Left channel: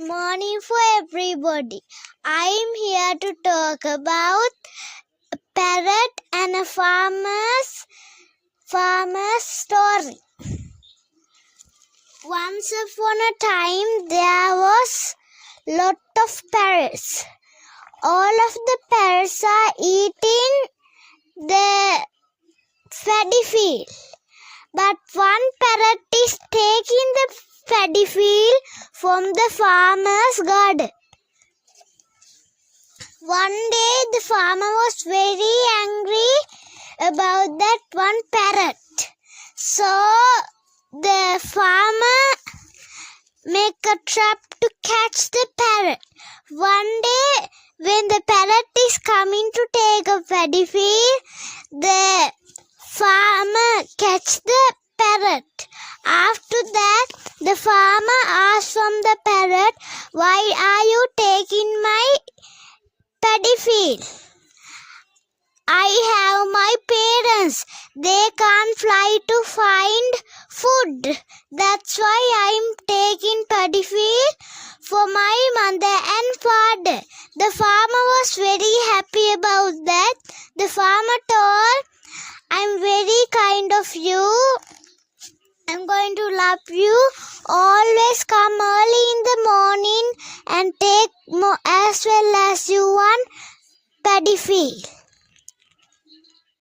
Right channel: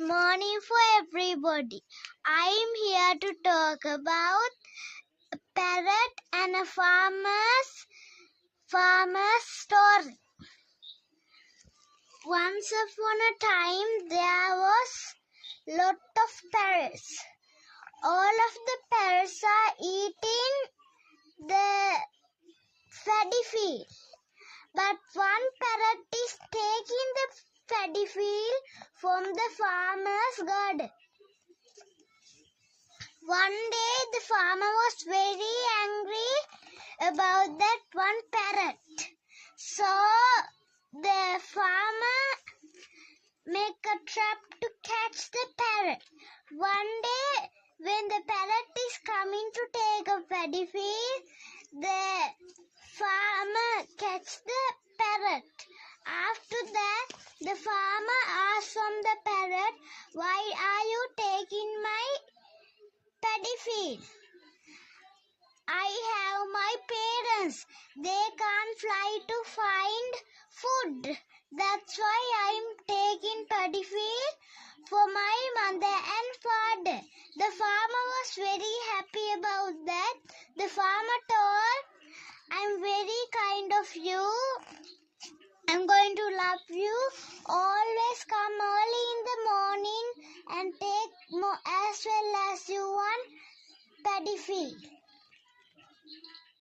morning for everybody. I am here to talk about a parrot and a farmer's story. Once upon a time there was lot of parrots. All of the parrots are eating the paddy field. But one parrot is taking the paddy field from the farmer's garden. One day the farmer was very angry about that one parrot. So the farmer make a trap to catch the parrot. One day when the parrot is coming to take a paddy field, the farmer catch the parrot. After that, the farmer asked from the parrot, "Why are you taking my paddy field? I have my parents. They can't fly to find food. That's why I'm taking paddy field for my mother and father." The farmer was very happy about that. The farmer told, "I'm very kind of you. I'm going to love you. Always come early in the morning and take more as well as you want paddy field."